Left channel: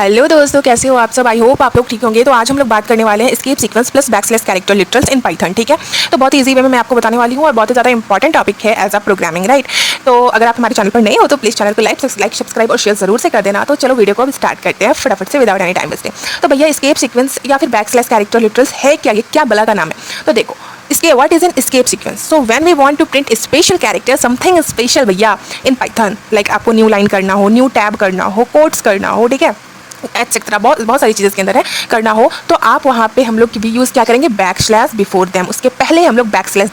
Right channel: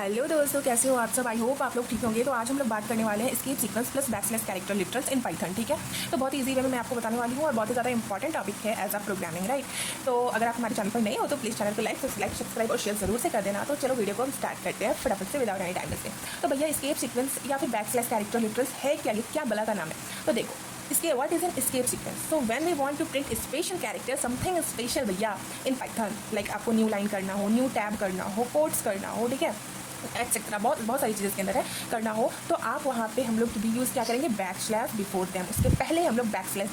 Hello दोस्तों, कैसे हो आप सब। आई होप आप लोग ठीक होंगे। तो आज हम लोग बात करने वाले हैं escape sequence plus backslash character literals in Python. ठीक है, तो बहुत ईजी वे में मैं आपको बताने वाली हूँ और बहुत ही ज़्यादा इंपॉर्टेंट टॉपिक है एज अ प्रोग्रामिंग, राइट। तो अगर आप हमारे चैनल पर नहीं हो तो प्लीज़ चैनल को लाइक सब्सक्राइब और शेयर जरूर से कर देना। तो चलो वीडियो को अब स्टार्ट करते हैं फटाफट से विदाउट एनी टाइम वेस्टिंग। तो भैया एस्केप सीक्वेंस या फिर बैकस्लैश कैरेक्टर लिटरल्स है क्या, ये क्या बला का नाम है। तो देखो इसके what is an escape sequence. So when we want to print special character something special भैया इन पाइथन, लाइक आपको न्यू लाइन करना हो, न्यू टैब करना हो, कोड्स करना हो, ठीक है, एक्सेट्रा बहुत सारी चीज़ें के अंदर है करना हो, तो आप वहाँ पे हम लोग भी यूज़ क्या करेंगे, बैक स्लैश बिफोर देम। उसके पहले हम लोग बैक स्लैश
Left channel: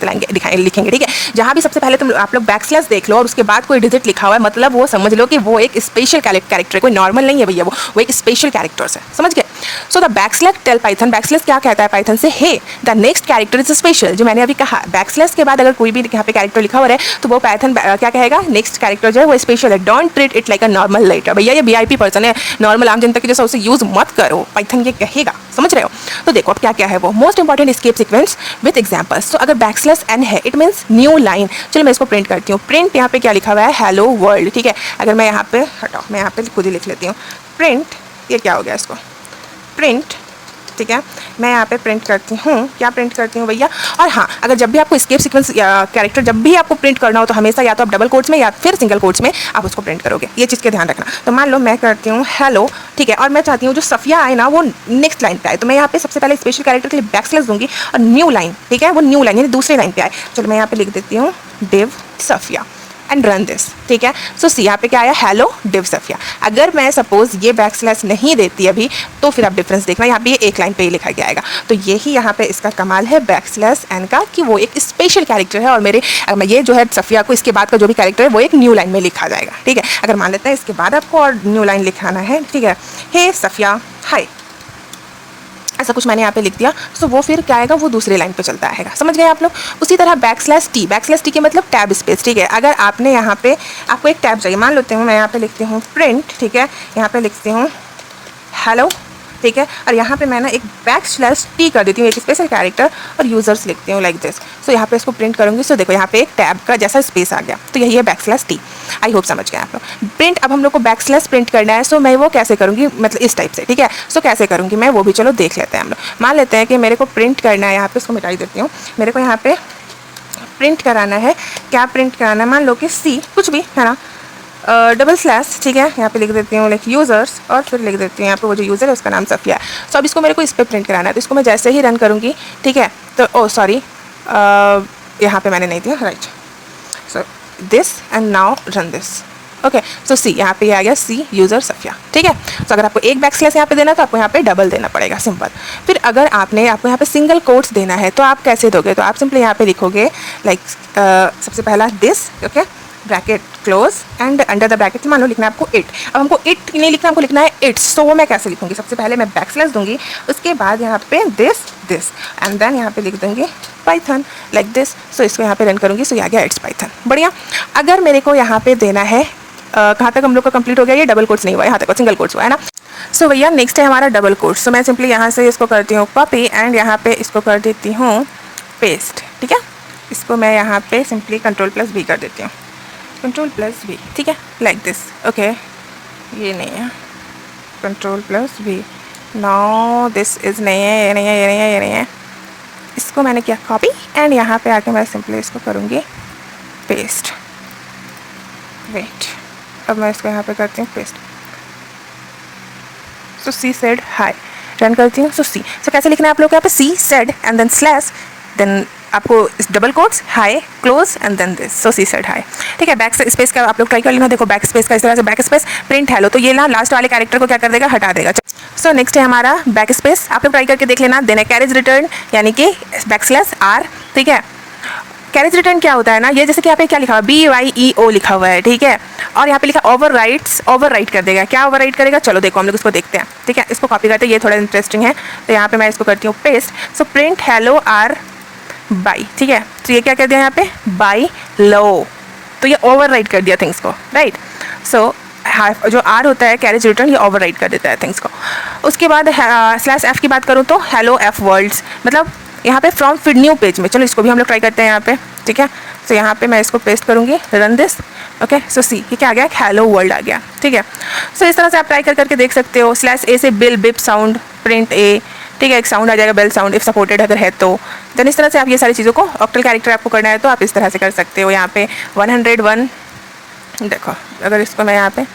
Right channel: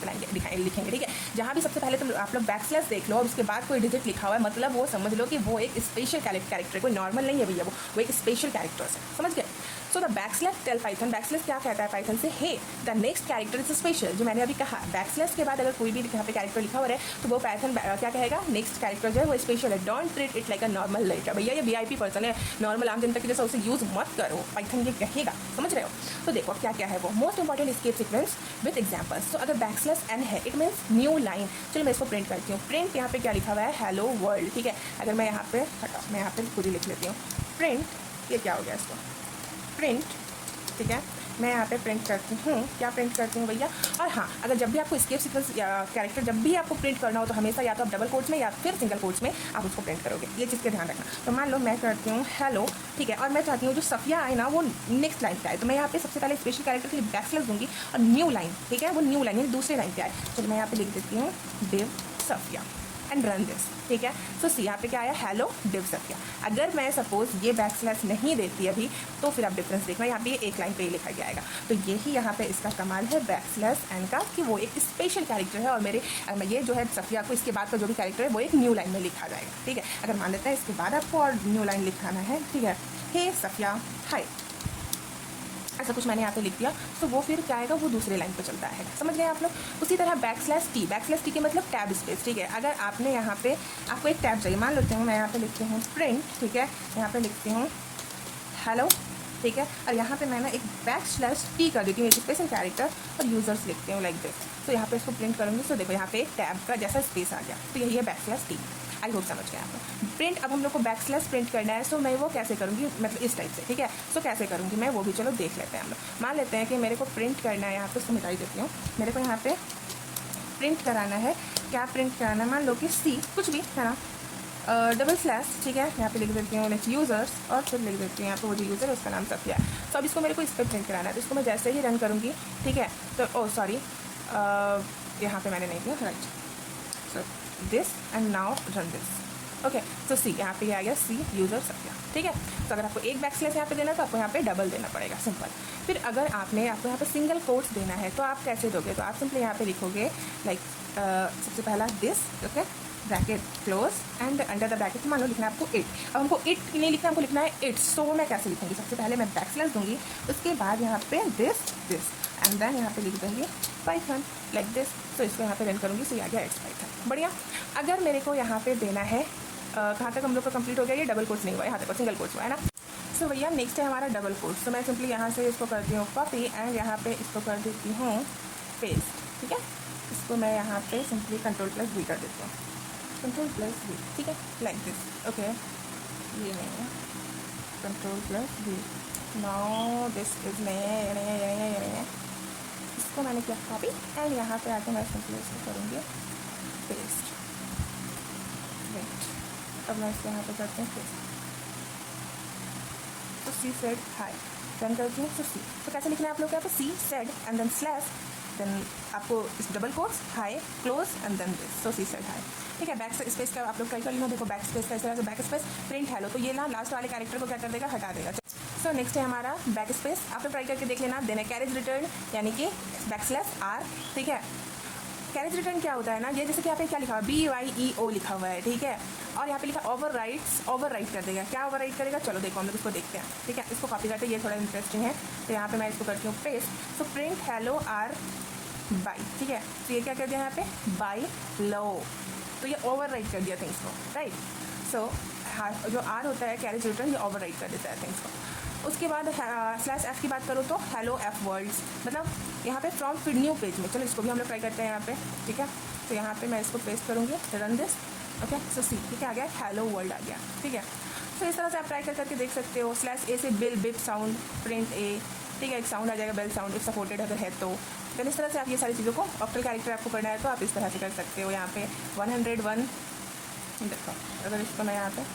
लिखेंगे, ठीक है। जहाँ भी सबसे पहले तुम आप लोग बैक स्लैश देख लो और उसके बाद कोई डिजिट लिखा हुआ है, मतलब वो समझ लो कि वो एक स्पेशल कैरेक्टर है, कोई नॉर्मल नहीं है भैया, वो एक स्पेशल कैरेक्टर्स है, समझ गए। So the back slash tell Python, back slash क्या कहता है पाइथन से, hey the next character is special. जो मैंने अभी कहा, बैक स्लैश के बाद अगर कोई भी यहाँ पे कैरेक्टर लिखा हुआ है तो वो पाइथन क्या कहेगा, नेक्स्ट कैरेक्टर जो है वो स्पेशल है। Don't treat it like a normal letter. भैया ये VIP पर्सन है, नॉर्मल आम जनता के जैसा उसे यूज मत करो, पाइथन ये कहेगा, समझ रहे हो। तो देखो अब क्या क्या है वो most important escape sequence with examples. तो अगर बैकस्लैश n है इट मींस न्यू लाइन। चलो मैं इसको प्रिंट करती हूँ। प्रिंट यहाँ पे क्या लिखा हुआ है, हेलो वर्ल्ड, ठीक है। अगर मैं यहाँ पे हटाओ, मैं यहाँ पे खुद ही लिख लेती हूँ प्रिंट, ये क्या हो गया इसको, प्रिंट, ठीक है। मैं यहाँ पे प्रिंट करती हूँ, क्या प्रिंट करती हूँ भैया। और हाँ, अगर जब भी आपको एस्केप सीक्वेंस कैरेक्टर जब भी आपको प्रिंट करना हो तो हमेशा या तो आप डबल कोट्स में या फिर सिंगल कोट्स में आप उसको प्रिंट करोगे, ये चीज़ का ध्यान रखना। तो मान लो मैं करती हूँ हेलो, ठीक है, और मैं चाहती हूँ जो सफिया आए ना वो नेक्स्ट लाइन पे आए, तो मैं यहाँ पे सबसे पहले स्पेशल कैरेक्टर के लिए बैकस्लैश दूंगी और न्यू लाइन, ठीक है, वो न्यू लाइन यानी दूसरे लाइन पे आए। चलो मैं यहाँ पे लिख देती हूँ div Safia and run this, ठीक है। सो सी यहाँ पे क्या आया, हेलो डिव सफिया। अगर मैं सपोज ये बैकस्लैश नहीं देती अभी तो फिर आप डिफरेंस देखना, यहाँ पे ये एक लाइन पे ही लिखा गया आएगा। तो यही यहाँ पे इसका कमाल है बैकस्लैश n का, कि वो एक स्पेशल कैरेक्टर है और मेरे मैं ये जो है सफिया को इसके बाद का जो भी कैरेक्टर है वो एक न्यू लाइन में लिखा जाएगा, ठीक है। अगर मान लेते हैं इसके बाद आपको और न्यू लाइन लिखाना है, ठीक है, हे सफिया हाय, ऐसा कुछ मैंने यहाँ पे लिख दिया, तो वो फिर क्या आएगा, वो दूसरे लाइन पे चलता आएगा, समझ गए आप लोग। उसी तरह बैकस्लैश t के मतलब टैब स्पेस, ठीक है। अगर आपने यहाँ पे आपको एक टैब चाहिए, मान लेते हूँ मैं यहाँ पे लिखती हूँ प्रिंट, ठीक है, यहाँ पे लिखती हूँ हेलो, ठीक है, और यहाँ पे मैं ना एक _t कर देती हूँ, एक स्पेशल कैरेक्टर और यूजर्स लिखती हूँ लाइक दिस। सो यहाँ पे इसको प्रिंट करूँगी, सो देखो यहाँ पे एक टैब का जैसा स्पेस आ गया, तो यही है _t। आई होप समझ गए आप लोग। प्रिंट अब हम लोग को बैकस्लैश प्रिंट करना है, सो मैं वो कैसे करूँगी, मतलब इस टाइप से, ठीक है। सो कैसे करूँगी मैं वो भी चलो देख लेते हैं हम लोग। मान लेते हैं कि मेरे को प्रिंट करना है, यहाँ पे इसको मिटाई देती हूँ, मेरे को यहाँ पे प्रिंट कराना है, क्या प्रिंट कराना है, मान लो कि C कुछ भी है ना, डबल स्लैश, ठीक है, यहाँ पे लिख देती हूँ लाइक यूज़र्स और फिर लिख देती हूँ यहाँ पे वो जो यूज़र है उसका नाम सफिया है। सो अब इसको मेरे को इस पर प्रिंट कराना है, तो इसको मैं जैसे ही रन करूँगी, ठीक है, तो ओ सॉरी यहाँ पे मैंने नहीं दिया, right. So this and now run this, okay. So C यहाँ पे आ गया C यूज़र सफिया, ठीक है। तो अगर आपको एक बैकस्लैश यहाँ पे देना तो आपको यहाँ पे डबल देना पड़ेगा, सिंपल। फिर अगर आपको यहाँ पे सिंगल कोट्स देना है तो आप कैसे दोगे, तो आप सिंपली यहाँ पे लिखोगे लाइक सबसे पहला this, okay, bracket close and under the bracket मान लो लिखना है आपको इट। अब हमको इट नहीं लिखना, हमको लिखना है इट्स, तो वो मैं कैसे लिखूंगी, सबसे पहले मैं बैकस्लैश दूंगी, उसके बाद यहाँ पे दिस एंड देन यहाँ पे लिख दूंगी पाइथन लाइक दिस। सो इसको यहाँ पे रन करूँगी, सो आ गया इट्स पाइथन, बढ़िया। अगर मेरे को यहाँ पे देना है, कहाँ तक हम लोग का कंप्लीट हो गया, ये डबल कोट्स नहीं हुआ है, यहाँ तक सिंगल कोट्स हुआ है ना। सो भैया नेक्स्ट है हमारा डबल कोट्स। सो मैं सिंपली यहाँ से इसको करती हूँ कॉपी एंड यहाँ पे इसको कर देती हूँ पेस्ट, ठीक है। इसको मैं यहाँ पे सिंपली Ctrl+V कर देती हूँ, Ctrl+V, ठीक है, लाइक दिस, ओके। ये नहीं है Ctrl+V, नो दिस इज़ नहीं है, ये नहीं है, ये नहीं है, ये नहीं है। इसको मैंने किया कॉपी एंड यहाँ पे आके मैं सिंपली इसको करूँगी पेस्ट, वेट, अब मैं इसको यहाँ पे करती हूँ पेस्ट। सो C said हाय, रन करती हूँ, सो कैसे लिखना है आप लोग यहाँ पे, C said and then slash, then आपको double quotes hi close and then this, so C said hi, ठीक है। बैक स्पेस का आप लोग ट्राई कर लेना, देखो बैक स्पेस का इस तरह से बैक स्पेस प्रिंट हेलो, तो ये ना लास्ट वाले कैरेक्टर को क्या कर देगा, हटा देगा। सो नेक्स्ट है हमारा बैक स्पेस, आप लोग ट्राई करके देख लेना। देन है कैरेज रिटर्न यानी कि /R, ठीक है। कैरेज रिटर्न क्या होता है ना, ये जैसे कि यहाँ पे क्या लिखा हुआ है, BYEO लिखा हुआ है, ठीक है, और यहाँ पे लिखा ओवरराइट कर देगा। क्या ओवरराइट करेगा, चलो देखो हम लोग इसको देखते हैं, ठीक है। इसको कॉपी करते हैं, ये थोड़ा इंटरेस्टिंग है, तो यहाँ पे मैं इसको करती हूँ paste. So print hello R by, ठीक है। तो ये क्या कर दिया यहाँ पे, बाई लो, तो ये ओवरराइट कर दिया थिंग्स को, राइट। सो जो R होता है कैरेज रिटर्न, ये ओवरराइट कर देता है थिंग्स को। उसके बाद /F की बात करूँ तो हेलो F वर्ल्ड्स, मतलब यहाँ पे फ्रॉम फिर न्यू पेज में, चलो इसको भी हम लोग ट्राई करते हैं यहाँ पे, ठीक है। सो यहाँ पे मैं इसको पेस्ट करूँगी, रन दिस। ओके, सो सी ये क्या आ गया, हेलो वर्ल्ड आ गया। ठीक है, सो इस तरह से आप ट्राई करके देख सकते हो। /a से बिल बिप साउंड प्रिंट ए, ठीक है, एक साउंड आ जाएगा बेल साउंड इफ सपोर्टेड अगर है तो। देन इस तरह से आप ये सारी चीज़ों को, ऑक्टल कैरेक्टर आपको करना है तो आप इस तरह से कर सकते हो। यहाँ पे 101, देखो अगर इसको मैं यहाँ पे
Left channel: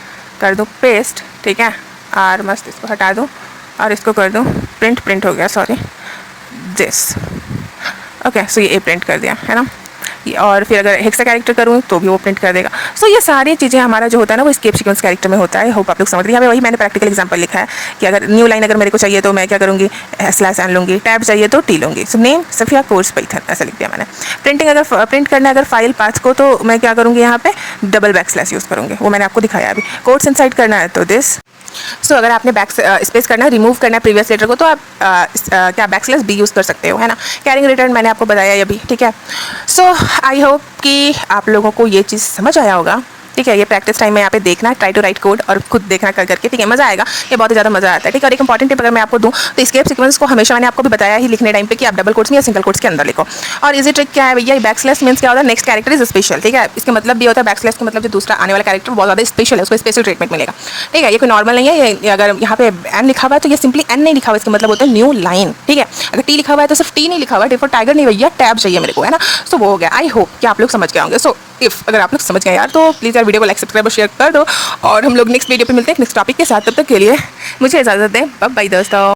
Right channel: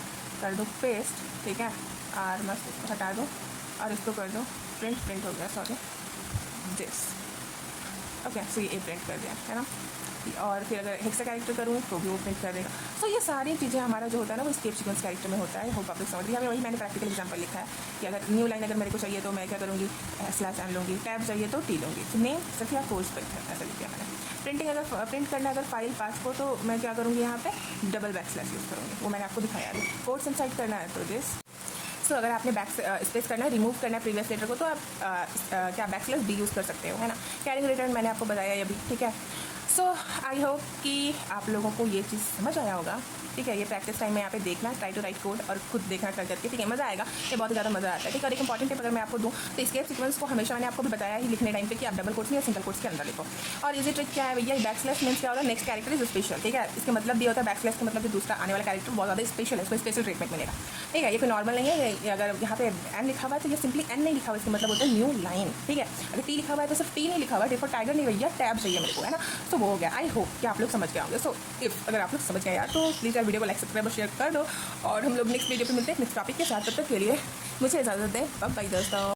कर दूँ पेस्ट, ठीक है, और मस्त इसको हटा दूँ और इसको कर दूँ प्रिंट हो गया, सॉरी दिस। ओके, सो ये ए प्रिंट कर दिया है ना। और फिर अगर हेक्सा कैरेक्टर करूँ तो भी वो प्रिंट कर देगा। सो ये सारी चीज़ें हमारा जो होता है ना वो एस्केप सीक्वेंस कैरेक्टर में होता है। होप आप लोग समझ रहे हैं। यहाँ पे वही मैंने प्रैक्टिकल एग्जांपल लिखा है कि अगर न्यू लाइन अगर मेरे को चाहिए तो मैं क्या करूँगी, /n लूँगी, टैब चाहिए तो टी लूँगी। So name Safia course Python ऐसा लिख दिया मैंने। प्रिंटिंग अगर प्रिंट करना है अगर फाइल पाथ को तो मैं क्या करूँगी, यहाँ पे // यूज़ करूँगी, वो मैंने आपको दिखाया अभी। कोट्स इनसाइड करना है तो दिस। सो अगर आपने बैक स्पेस करना है, रिमूव करना है प्रीवियस लेटर को तो आप क्या /b यूज़ कर सकते हो, है ना। कैरिंग रिटर्न मैंने आपको बताया अभी, ठीक है। सो आई होप कि आप लोगों को ये चीज़ समझ आया होगा, ठीक है। ये प्रैक्टिस टाइम में यहाँ पे देखना, ट्राई टू राइट कोड और खुद देखना कर करके, ठीक है, मज़ा आएगा, ये बहुत ही ज़्यादा मज़ा आता है, ठीक है। और एक इंपॉर्टेंट टिप अगर मैं आपको दूँ तो एस्केप सीक्वेंस को हमेशा मैंने आपको भी बताया ही लिखने टाइम पे कि आप डबल कोट्स में या सिंगल कोट्स के अंदर लिखो। और इजी ट्रिक क्या है भैया, / मीन्स क्या होता है, नेक्स्ट कैरेक्टर इज स्पेशल, ठीक है। इसका मतलब भी होता है / का मतलब जो दूसरा आने वाला कैरेक्टर बहुत ज़्यादा स्पेशल है, उसको स्पेशल ट्रीटमेंट मिलेगा, ठीक है। ये कोई नॉर्मल नहीं है। ये अगर यहाँ पे n लिखा हुआ है तो ये सिंपली n नहीं लिखा हुआ, इसका मतलब होता है न्यू लाइन, ठीक है। अगर t लिखा हुआ है तो सिर्फ t नहीं लिखा हुआ है, टाइगर नहीं भैया, टैब चाहिए मेरे को, है ना। सो वो हो गया। आई होप कि आप लोग समझ गए होंगे। सो इफ अगर आप लोग समझ गए यार तो प्लीज़ यार वीडियो को लाइक सब्सक्राइब और शेयर कर दो और हम लोग नेक्स्ट वीडियो पे मिलते हैं नेक्स्ट टॉपिक के साथ। तब तक के लिए मुझे इजाज़त दें, बाय बाय दोस्तों।